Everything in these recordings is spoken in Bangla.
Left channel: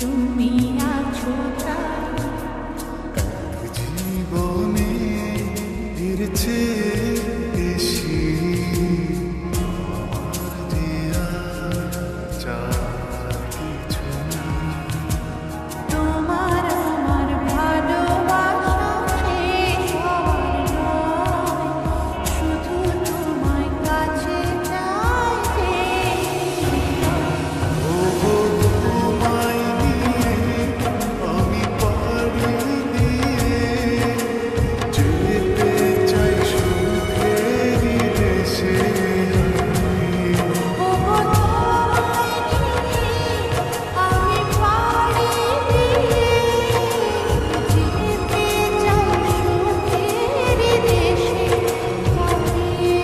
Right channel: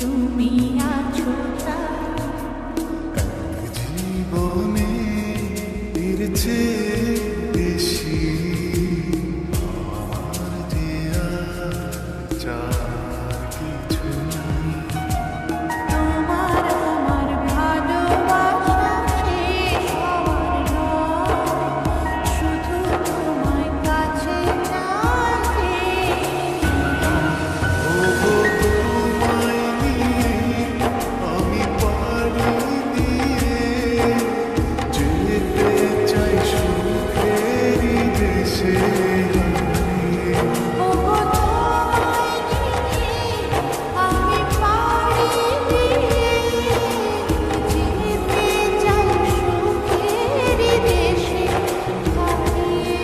তুমি আছো তাই জীবনে এর চেয়ে বেশি আমার যে আর চার কিছু নেই। তোমার আমার ভালোবাসা শেষ হওয়ার নয়, শুধু তোমায় কাছে চাইতে। ওগো তোমায় নিয়ে আমি পাড়ি দিয়ে যেতে চাই সুখেরই দেশে হারিয়ে। ওগো তোমায় নিয়ে আমি পাড়ি দিয়ে যেতে চাই সুখের দেশে হারিয়ে।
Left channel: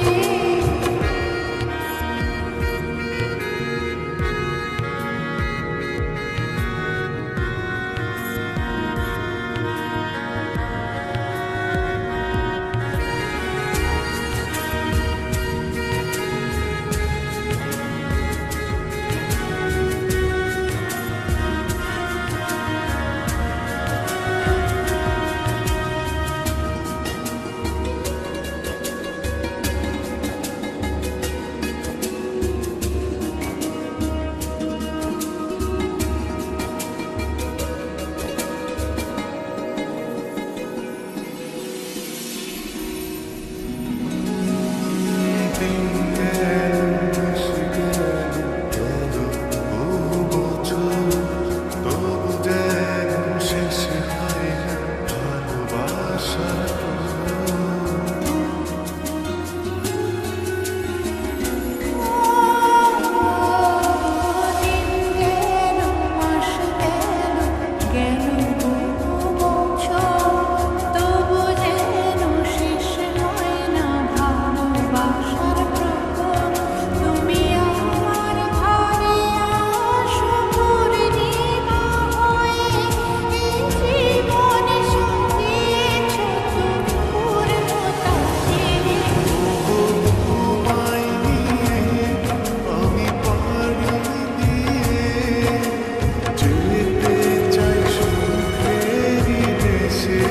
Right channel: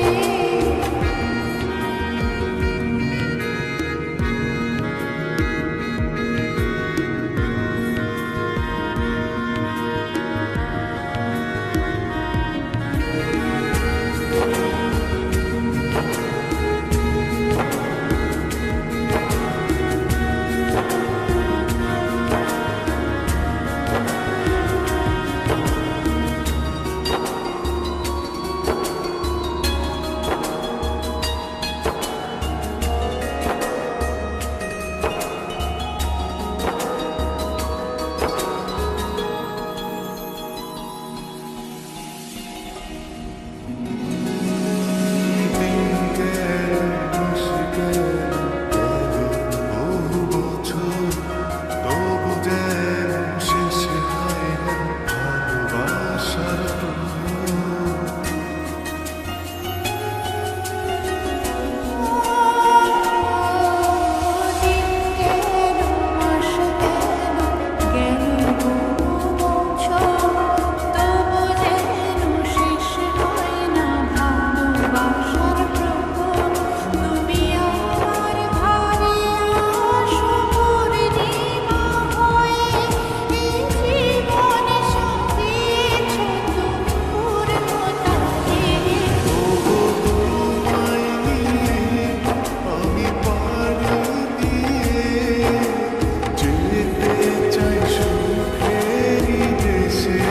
দিন গেল মাস গেল গেল বহু বছর, তবু যেন শেষ হয় না ভালোবাসার প্রহর। দিন গেল মাস গেল গেল বহু বছর, তবু যেন শেষ হয় না ভালোবাসার প্রহর। তুমি আমার ঘরে আসো পূর্ণিমা হয়ে, এই জীবন সাজিয়েছ তুমি পূর্ণতা দিয়ে। ওগো তোমায় নিয়ে আমি পাড়ি দিয়ে যেতে চাই সুখেরই দেশে